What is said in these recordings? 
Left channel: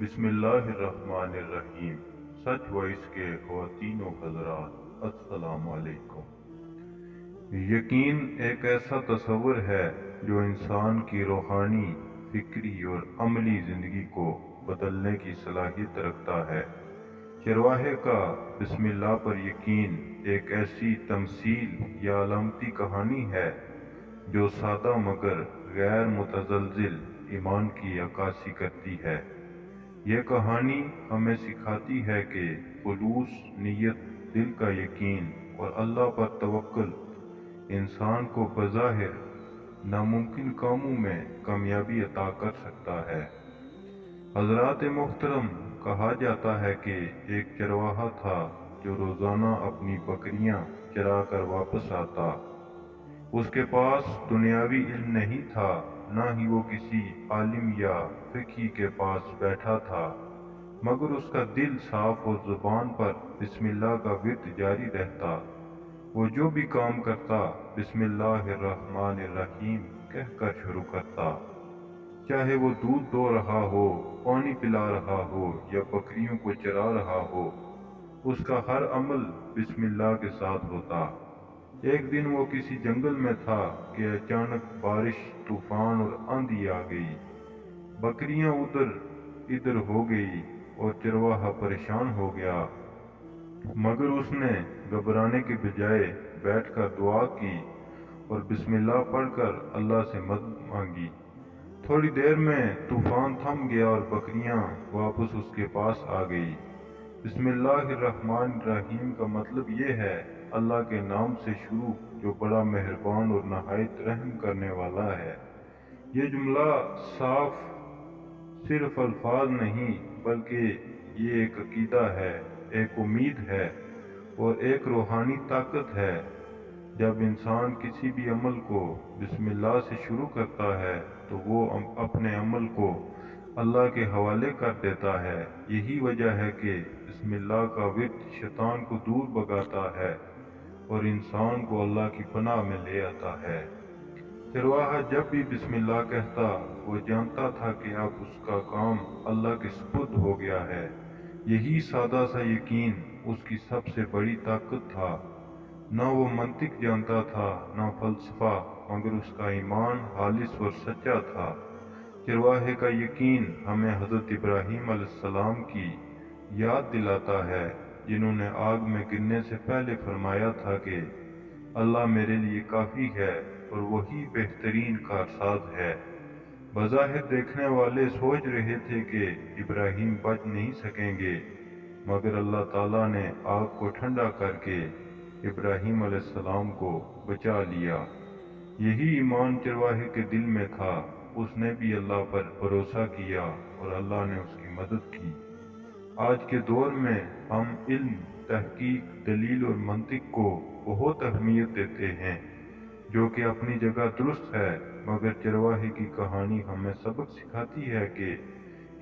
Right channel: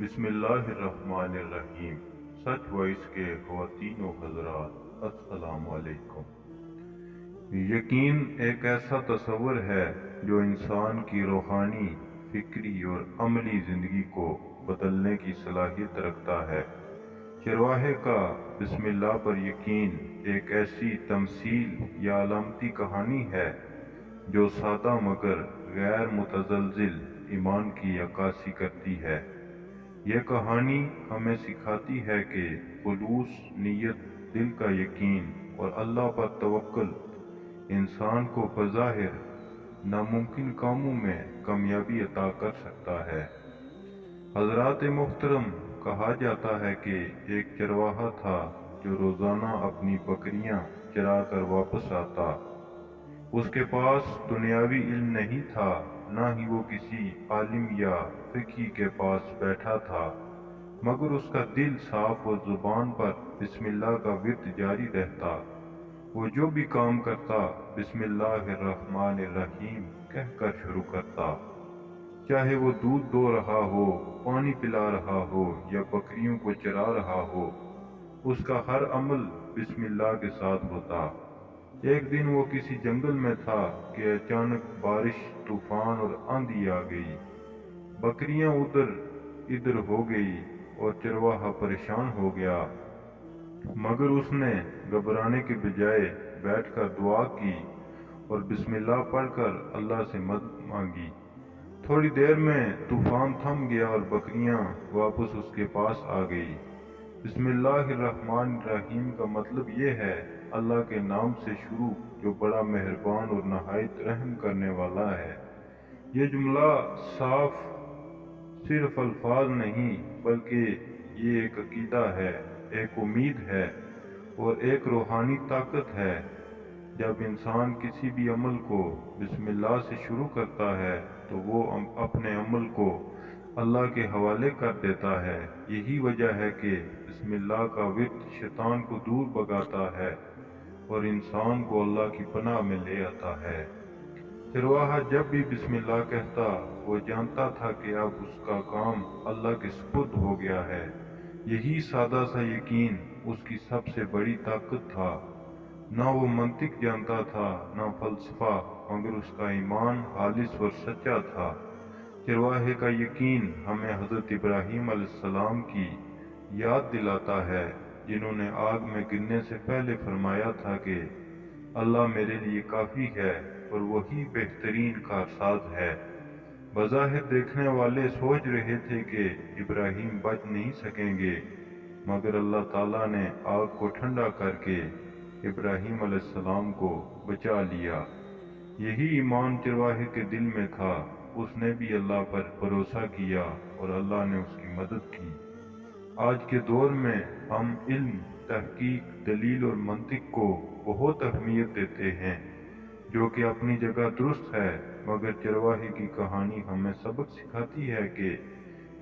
بسم اللہ الرحمن الرحیم۔ سچ وائس کے خواتین و حضرات، السلام علیکم۔ یقین ایک ایسا تصور ہے جو انسان کی روحانی، فکری اور عملی زندگی کو بدلنے کی صلاحیت رکھتا ہے۔ چرواہے کا بسم اللہ پر یقین ایک ایسی تمثیل یا علامتی کہانی ہے جو سادہ مگر غیر متزلزل ایمان کی عکاسی کرتی ہے۔ یہ کہانی ہمیں سکھاتی ہے کہ خلوص نیت، دل کا یقین اور اللہ پر توکل انسان کو بظاہر ناممکن کاموں میں کامیابی عطا کر سکتا ہے۔ حضرات محترم، کہا جاتا ہے کہ ایک چرواہا تھا جو روزانہ اپنی بکریاں چرا کر واپس آتا۔ اس کے پاس دنیاوی علم نہیں تھا، نہ ہی وہ کسی عالم یا فقیہ کے پاس بیٹھا تھا، مگر اس کا دل صاف اور زبان پر بسم اللہ کا ورد جاری رہتا۔ وہ جو بھی کام کرتا بسم اللہ الرحمن الرحیم کہہ کر شروع کرتا، چاہے وہ دودھ دو رہا ہو، پانی پلا رہا ہو یا بکریوں کو چرا رہا ہو، اس کا ہر عمل بسم اللہ کے ساتھ ہوتا۔ ایک دن وہ کسی جنگل میں تھا کہ اچانک بارش، طوفان اور آندھی آ گئی۔ بکریاں ادھر ادھر ہو گئی اور چرواہا پریشان ہو گیا، مگر اس نے گھبرانے کے بجائے بیٹھ کر دعا کی اور بسم اللہ پڑھ کر اللہ سے مدد مانگی۔ تھوڑی دیر میں طوفان تھم گیا اور بکریاں واپس اس کے پاس آ گئی۔ بسم اللہ الرحمن الرحیم کا مطلب یہ ہے، اللہ کے نام سے شروع جو بڑا مہربان اور نہایت رحم کرنے والا ہے۔ یہ جملہ صاف صرف الفاظ نہیں بلکہ یہ ایک عقیدہ ہے، ایک امید ہے اور ایک روحانی طاقت ہے۔ جب انسان کسی بھی عمل کو بسم اللہ سے شروع کرتا ہے تو وہ اپنے عمل کو اللہ کے حوالے کر دیتا ہے۔ یہی وجہ ہے کہ بسم اللہ کا ورد شیطان کو دور بھگاتا ہے اور انسان کو اللہ کی پناہ میں لے آتا ہے۔ چرواہا جب بھی بسم اللہ کہتا، وہ جانتا تھا کہ اب اس کا کام اللہ کے سپرد ہو گیا ہے۔ یہی سادہ سا یقین اس کی سب سے بڑی طاقت تھا۔ نہ وہ منطق جانتا تھا، نہ فلسفہ، مگر اس کا ایمان خالص اور سچا تھا۔ چرواہے کا یقین ہمیں حضرت ابراہیم علیہ السلام کی یاد دلاتا ہے، جنہوں نے آگ میں گرنے سے پہلے فرمایا تھا کہ اللہ میرے لیے کافی ہے اور وہی بہترین کارساز ہے۔ بظاہر دیکھنے والے سوچ رہے تھے کہ ابراہیم بچ نہیں سکیں گے، مگر اللہ تعالیٰ نے آگ کو ٹھنڈا کر کے ابراہیم علیہ السلام کو بچا لیا۔ یہی ایمان چرواہے کے دل میں تھا۔ اس نے بھی اللہ پر بھروسہ کیا اور اللہ نے اس کی مدد کی۔ آج کے دور میں ہم علم، تحقیق، دلیل اور منطق کو بہت اہمیت دیتے ہیں، جو کہ اپنی جگہ درست ہے، مگر چرواہے کی کہانی ہمیں سبق سکھاتی ہے کہ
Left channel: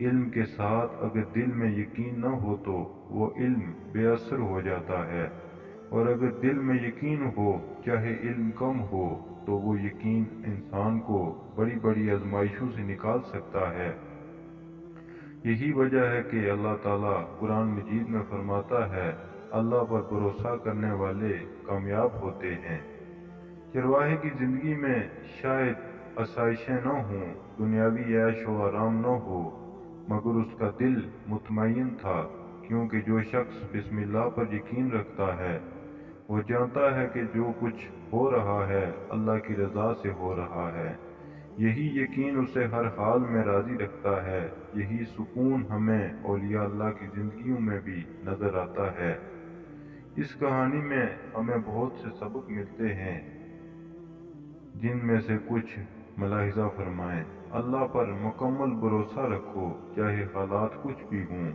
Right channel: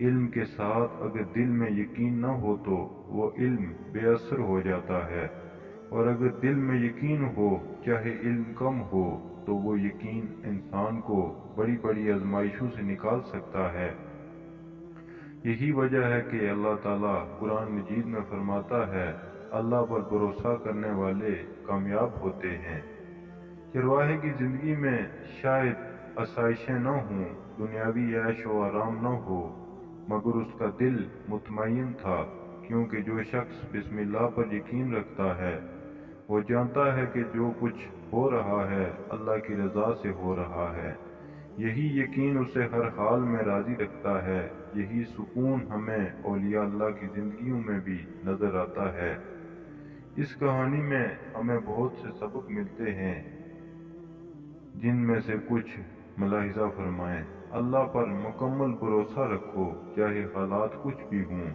علم کے ساتھ اگر دل میں یقین نہ ہو تو وہ علم بے اثر ہو جاتا ہے، اور اگر دل میں یقین ہو، چاہے علم کم ہو، تو وہ یقین انسان کو بڑی بڑی آزمائشوں سے نکال سکتا ہے۔ یہی وجہ ہے کہ اللہ تعالیٰ قرآن مجید میں فرماتا ہے، اللہ پر بھروسہ کرنے والے کامیاب ہوتے ہیں۔ چرواہے کی زندگی میں شاید آسائشیں نہ ہوں، دنیاوی عیش و آرام نہ ہو، مگر اس کا دل مطمئن تھا، کیونکہ جو شخص بسم اللہ پر یقین رکھتا ہے وہ جانتا ہے کہ جو کچھ ہو رہا ہے اللہ کی رضا سے ہو رہا ہے۔ یہی یقین اسے ہر حال میں راضی رکھتا ہے۔ یہی سکون ہمیں اولیاء اللہ کی زندگیوں میں بھی نظر آتا ہے۔ اس کہانی میں ہمیں بہت سے سبق ملتے ہیں، جن میں سے کچھ ملاحظہ فرمائیں۔ اللہ پر مکمل بھروسہ رکھو، چاہے حالات کچھ بھی ہوں۔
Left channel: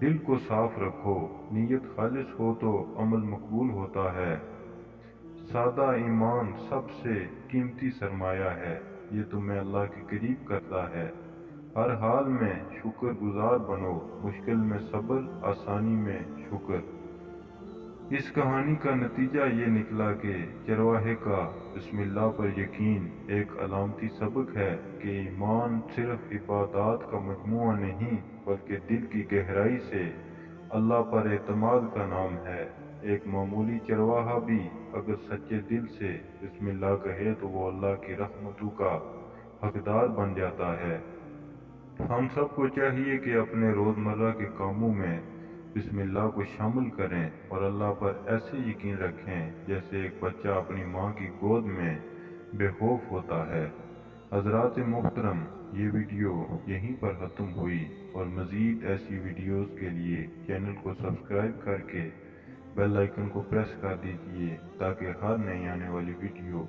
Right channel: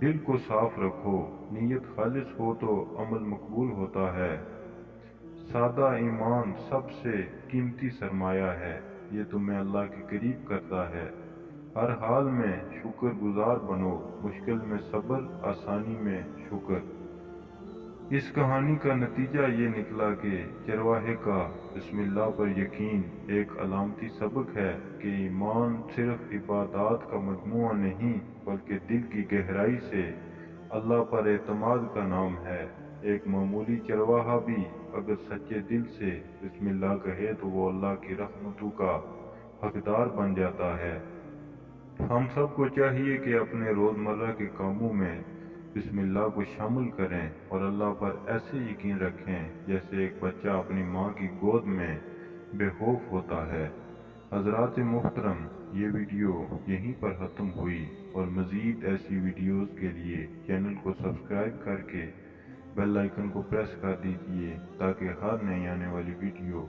دل کو صاف رکھو، نیت خالص ہو تو عمل مقبول ہوتا ہے۔ سادہ ایمان سب سے قیمتی سرمایہ ہے، یہ تمہیں اللہ کے قریب کرتا ہے۔ ہر حال میں شکر گزار بنو، مشکل میں صبر، آسانی میں شکر۔ اس کہانی کا نتیجہ یہ نکلا کہ چرواہے کا بسم اللہ پر یقین ایک علامتی سبق ہے کہ ایمان صرف عبادات کا مجموعہ نہیں بلکہ دل کی گہرائی سے اللہ پر اعتماد کا نام ہے۔ ایک معمولی چرواہا بھی اگر سچے دل سے بسم اللہ کہے تو وہ اللہ کی رحمتوں کا حقدار بن جاتا ہے۔ ہم سب کو چاہیے کہ اپنے روزمرہ کے کاموں میں بسم اللہ کو شامل کریں اور اللہ پر ایسے یقین رکھیں جیسے ایک بچہ اپنی ماں کی گود میں بے خوف ہوتا ہے۔ حضرات محترم، یہ ویڈیو یہیں پر ختم ہوئی، اور مزید ایسی ویڈیوز کے لیے چینل کو سبسکرائب کر کے بیل آئیکن کو پریس کر دیجیے تاکہ ہر نئی آنے والی ویڈیو